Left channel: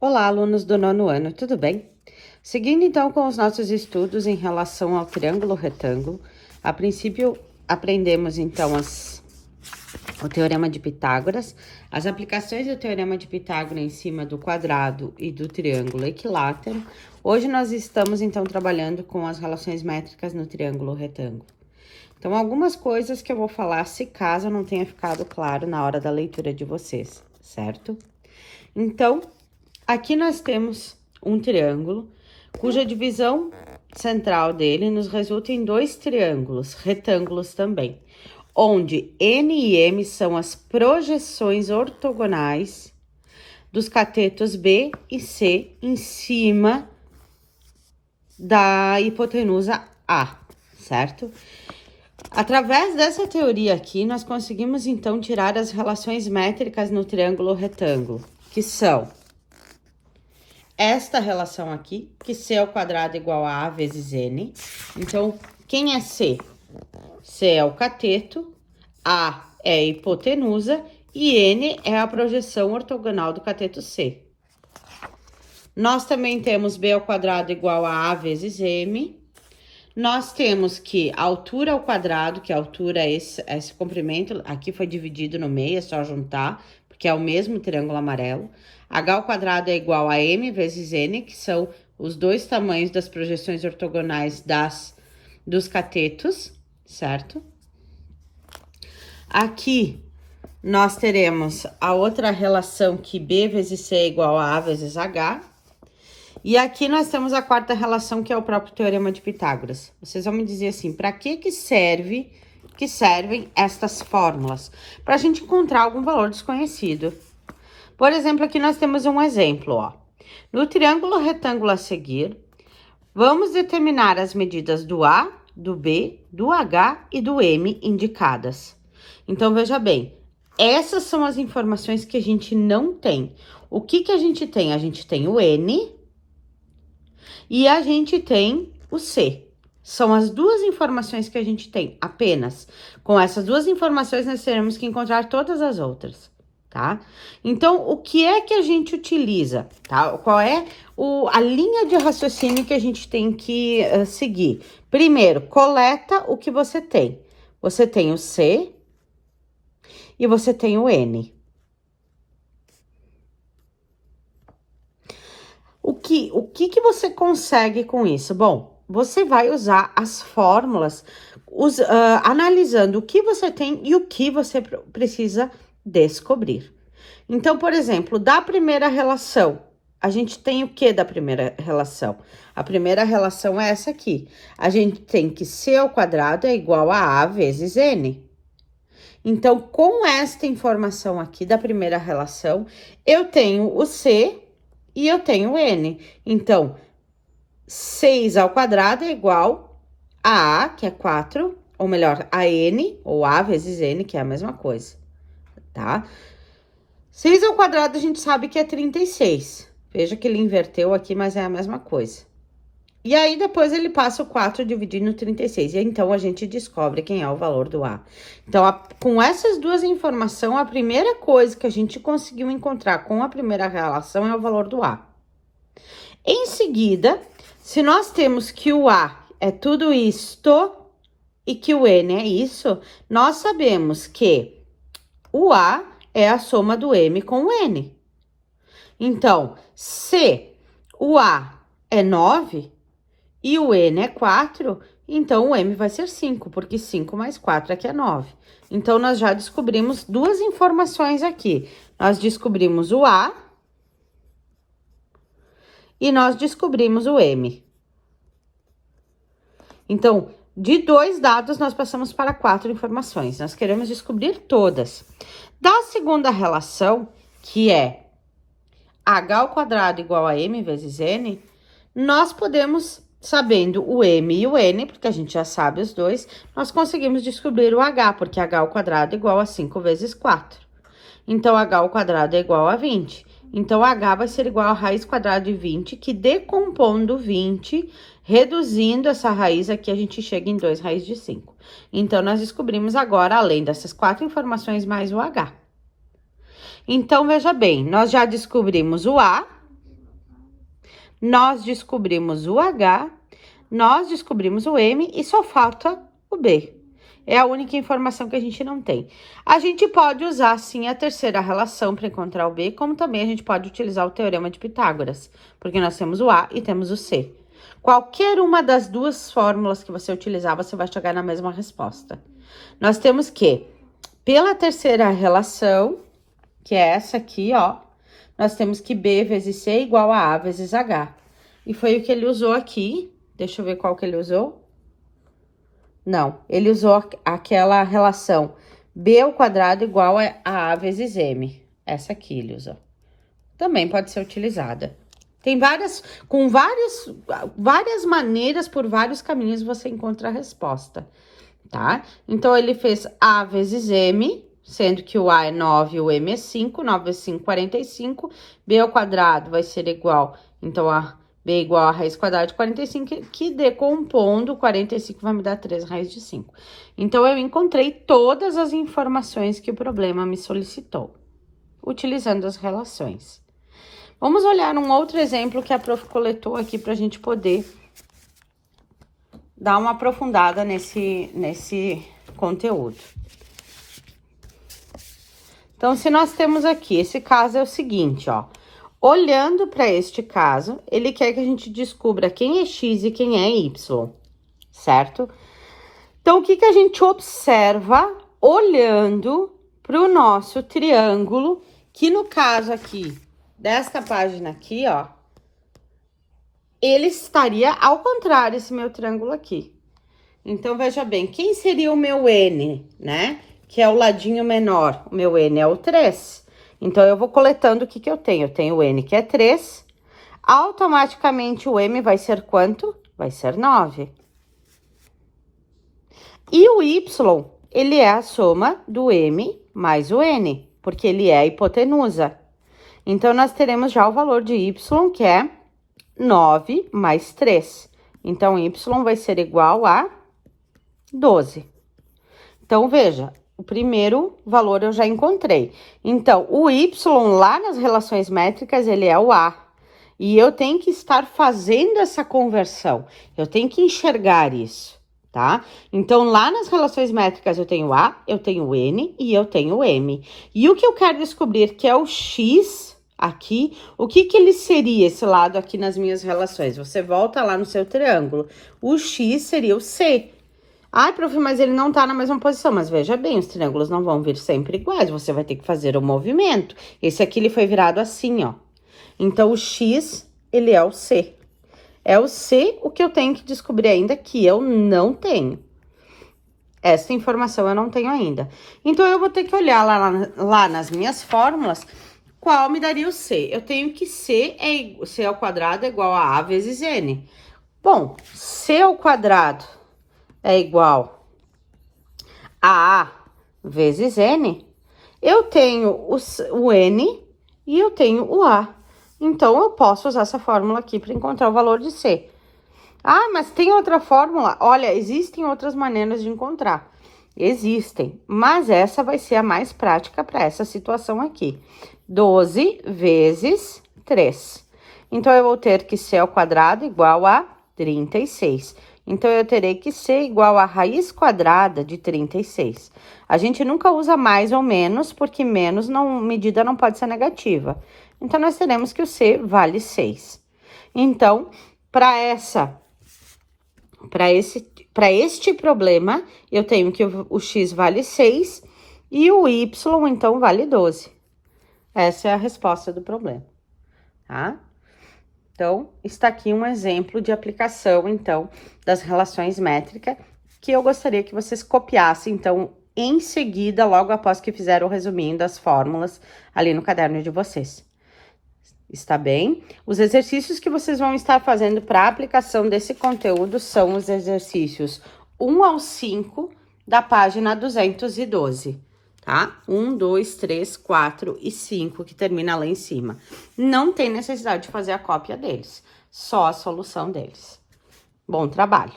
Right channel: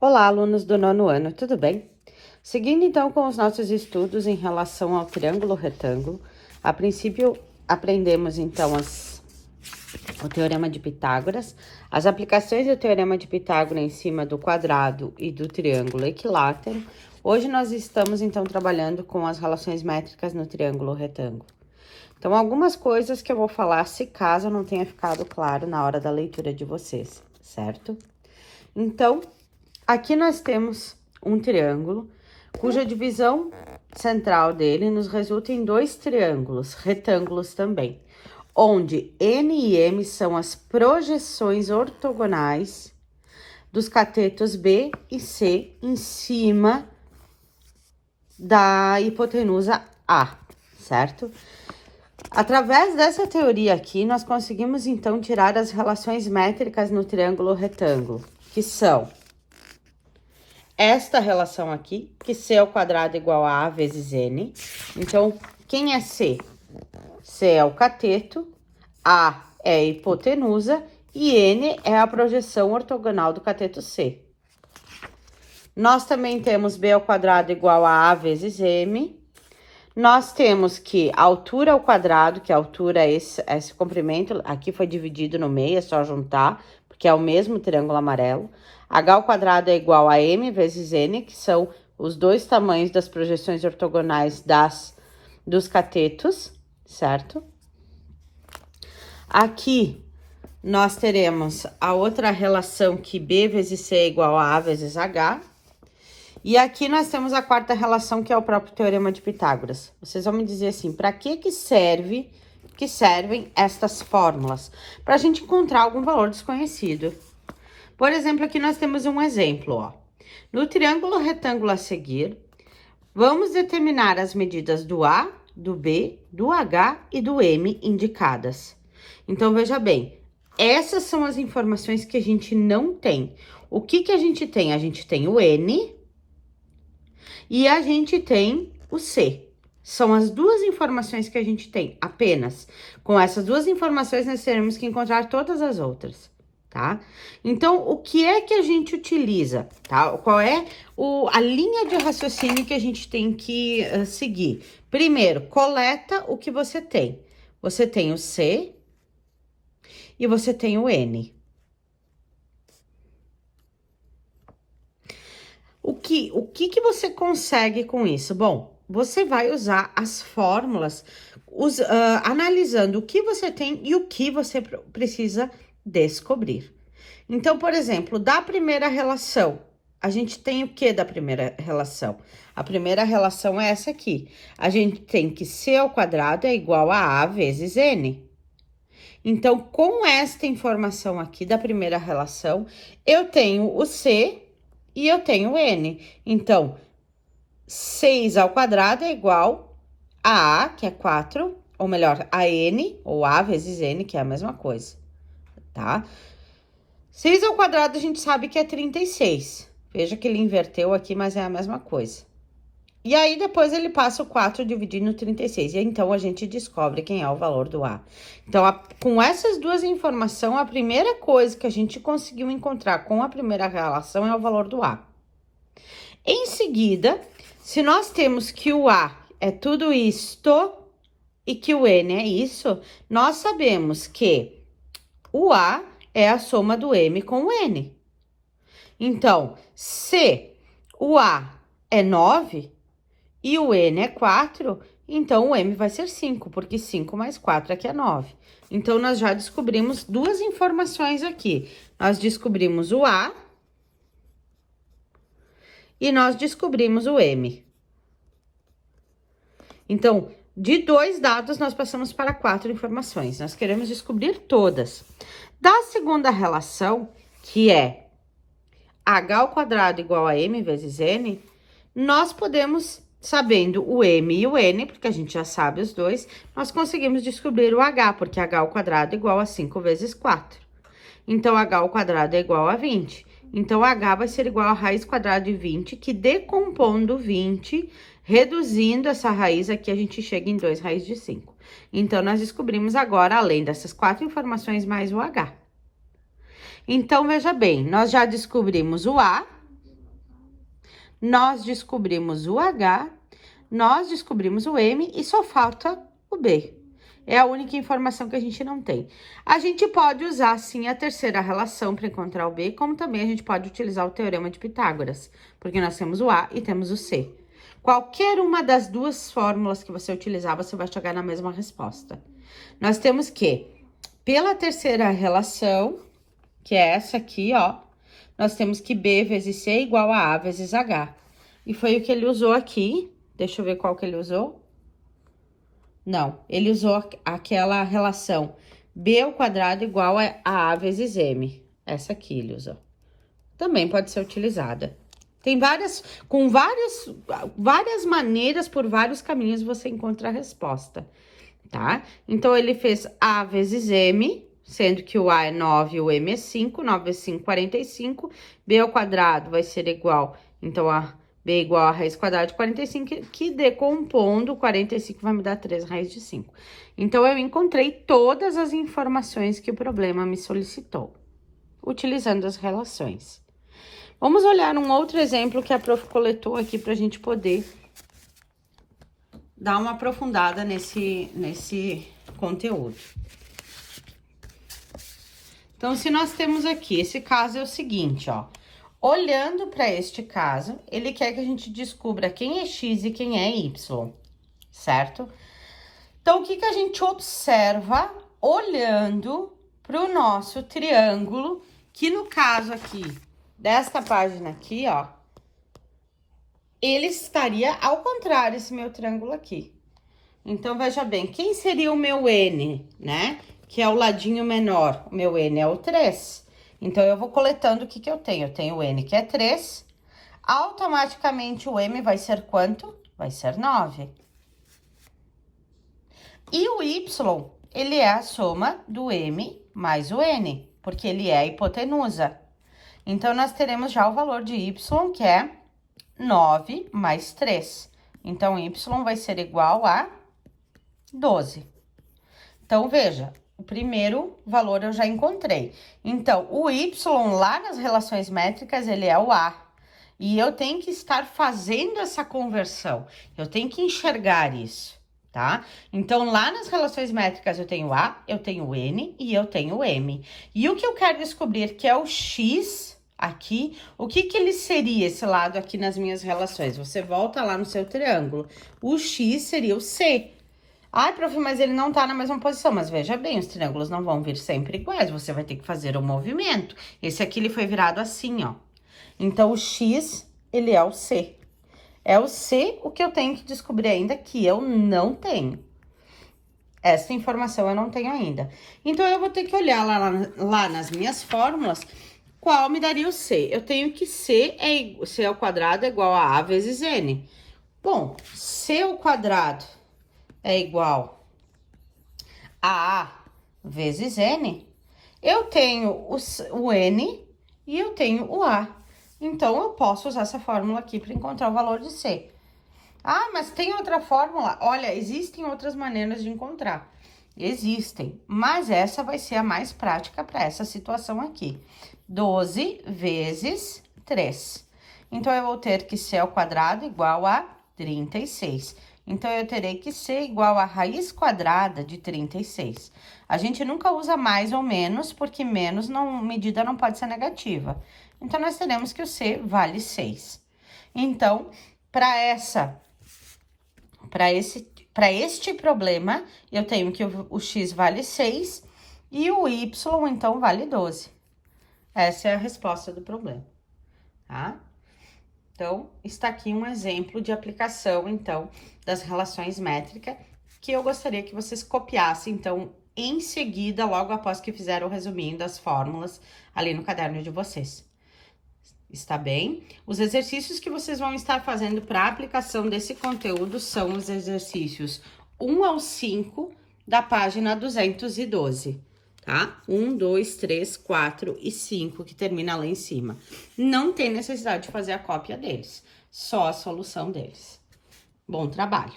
Olá, alunos do nono ano, tudo bem? Seguindo então com os nossos estudos em relação ao triângulo retângulo, a princípio aprendemos então o Teorema de Pitágoras, as aplicações do Teorema de Pitágoras em cima do quadrado e do triângulo equilátero. Hoje nós estamos então trabalhando com as relações métricas no triângulo retângulo. Então, algumas coisas que eu vou falar se caso não tenha ficado claro na hora da leitura de vocês, certo? Então, aqui nós temos um triângulo, cuja divisão central dele nos resulta em dois triângulos, retângulos também, onde N e M são as projeções ortogonais dos catetos B e C em cima da hipotenusa A, certo? Através dessa teoria aqui, nós conseguimos então tirar as relações métricas no triângulo retângulo, que são esta relação aqui, que C ao quadrado é igual a A vezes N. Então, quem é C? C é o cateto, A é a hipotenusa e N é a projeção ortogonal do cateto C. Nós também temos B ao quadrado igual a A vezes M. Nós temos que a altura ao quadrado, que a altura é esse comprimento, aqui foi dividido no meio, é só juntar, porque é o mesmo triângulo amarelo. H ao quadrado é igual a M vezes N, que são os dois tamanhos das projeções ortogonais dos catetos, certo? Aqui nós teremos a outra relação que B vezes C é igual a A vezes H. E aqui nós temos a quarta relação, que é o próprio Teorema de Pitágoras. Vocês vão me dizer assim, para que servem estas fórmulas? Para a gente encontrar algum valor desconhecido. Por exemplo, aqui nós temos um exemplo, ó. No triângulo retângulo a seguir, vamos determinar as medidas do A, do B, do H e do M indicadas. Então, veja bem, essas são as informações que a gente não tem. O que a gente tem? A gente tem o N e a gente tem o C. São as duas informações que a gente tem, apenas. Com essas duas informações, nós teremos que encontrar todas as outras, tá? Então, o que é que a gente utiliza, tá? Qual é a linha de raciocínio que a gente tem que seguir? Primeiro, coleta o que você tem. Você tem o C e você tem o N. O que você consegue com isso? Bom, você vai usar as fórmulas, analisando o que você tem e o que você precisa descobrir. Então, por exemplo, da primeira relação, a gente tem o que da primeira relação? A primeira relação é essa aqui. A gente tem que C ao quadrado é igual a A vezes N. Então, com esta informação aqui da primeira relação, eu tenho o C e eu tenho o N. Então, 6 ao quadrado é igual a A, que é 4, ou melhor, a N, ou A vezes N, que é a mesma coisa, tá? 6 ao quadrado a gente sabe que é 36. Veja que ele inverteu aqui, mas é a mesma coisa. E aí, depois ele passa o 4 dividido no 36. E então, a gente descobre quem é o valor do A. Então, com essas duas informações, a primeira coisa que a gente conseguiu encontrar com a primeira relação é o valor do A. Em seguida, se nós temos que o A é tudo isto e que o N é isso, nós sabemos que o A é a soma do M com o N. Então, se o A é 9 e o N é 4, então o M vai ser 5, porque 5 mais 4 aqui é 9. Então, nós já descobrimos duas informações aqui. Nós descobrimos o A e nós descobrimos o M. Então, de 2 dados, nós passamos para 4 informações. Nós queremos descobrir todas. Da segunda relação, que é H ao quadrado igual a M vezes N, nós podemos, sabendo o M e o N, porque a gente já sabe os dois, nós conseguimos descobrir o H, porque H ao quadrado é igual a 5 vezes 4. Então, H ao quadrado é igual a 20. Então, H vai ser igual a raiz quadrada de 20, que decompondo 20, reduzindo essa raiz aqui, a gente chega em 2 raiz de 5. Então, nós descobrimos agora, além dessas 4 informações, mais o H. Então, veja bem, nós já descobrimos o A, nós descobrimos o H, nós descobrimos o M e só falta o B. É a única informação que a gente não tem. A gente pode usar, sim, a terceira relação para encontrar o B, como também a gente pode utilizar o Teorema de Pitágoras, porque nós temos o A e temos o C. Qualquer uma das duas fórmulas que você utilizar, você vai chegar na mesma resposta. Nós temos que, pela terceira relação, que é essa aqui, ó, nós temos que B vezes C é igual a A vezes H. E foi o que ele usou aqui. Deixa eu ver qual que ele usou. Não, ele usou aquela relação B ao quadrado igual a A vezes M. Essa aqui ele usou. Também pode ser utilizada. Tem várias maneiras, por vários caminhos, você encontra a resposta, tá? Então, ele fez A vezes M, sendo que o A é 9 e o M é 5. 9 vezes 5, 45. B ao quadrado vai ser igual, então, a B é igual a raiz quadrada de 45, que decompondo 45 vai me dar 3 raiz de 5. Então, eu encontrei todas as informações que o problema me solicitou, utilizando as relações. Vamos olhar um outro exemplo que a prof coletou aqui para a gente poder dar uma aprofundada nesse conteúdo. Então, se nós temos aqui, esse caso é o seguinte, ó. Olhando para este caso, ele quer que a gente descubra quem é x e quem é y, certo? Então, o que a gente observa olhando para o nosso triângulo, que no caso aqui, desta página aqui, ó, ele estaria ao contrário, esse meu triângulo aqui. Então, veja bem, quem seria o meu N, né? Que é o ladinho menor. O meu N é o 3. Então, eu vou coletando o que eu tenho. Eu tenho o N, que é 3. Automaticamente, o M vai ser quanto? Vai ser 9. E o Y, ele é a soma do M mais o N, porque ele é a hipotenusa. Então, nós teremos já o valor de Y, que é 9 mais 3. Então, Y vai ser igual a 12. Então, veja, o primeiro valor eu já encontrei. Então, o Y lá nas relações métricas, ele é o A. E eu tenho que estar fazendo essa conversão. Eu tenho que enxergar isso, tá? Então, lá nas relações métricas, eu tenho A, eu tenho N e eu tenho M. E o que eu quero descobrir, que é o X aqui, o que ele seria esse lado aqui nas minhas relações? Você volta lá no seu triângulo. O X seria o C. Ai, prof, mas ele não tá na mesma posição. Mas veja bem, os triângulos não vão vir sempre iguais. Você vai ter que fazer o movimento. Esse aqui, ele foi virado assim, ó. Então, o X, ele é o C. É o C o que eu tenho que descobrir ainda, que eu não tenho. Essa informação eu não tenho ainda. Então, eu vou ter que olhar lá nas minhas fórmulas qual me daria o C. Eu tenho que C ao quadrado é igual a A vezes N. Bom, C ao quadrado é igual a A vezes N, eu tenho o N e eu tenho o A. Então, eu posso usar essa fórmula aqui para encontrar o valor de C. Ah, mas tem outra fórmula? Olha, existem outras maneiras de encontrar. Existem, mas essa vai ser a mais prática para essa situação aqui. 12 vezes 3. Então, eu vou ter que C ao quadrado igual a 36. Então, eu terei que C igual a raiz quadrada de 36. A gente nunca usa mais ou menos, porque menos medida não pode ser negativa. Então, nós teremos que o C vale 6. Então, para este problema, eu tenho que o X vale 6 e o Y, então, vale 12. Essa é a resposta do problema, tá? Então, está aqui um exemplo de aplicação, então, das relações métricas, que eu gostaria que vocês copiassem, então, em seguida, logo após que fizeram o resuminho das fórmulas ali no caderno de vocês. Está bem? Os exercícios que vocês vão estar fazendo para a aplicação desse conteúdo são os exercícios 1 ao 5 da página 212. Tá? 1, 2, 3, 4 e 5, que termina lá em cima. Não tem necessidade de fazer a cópia deles, só a solução deles. Bom trabalho!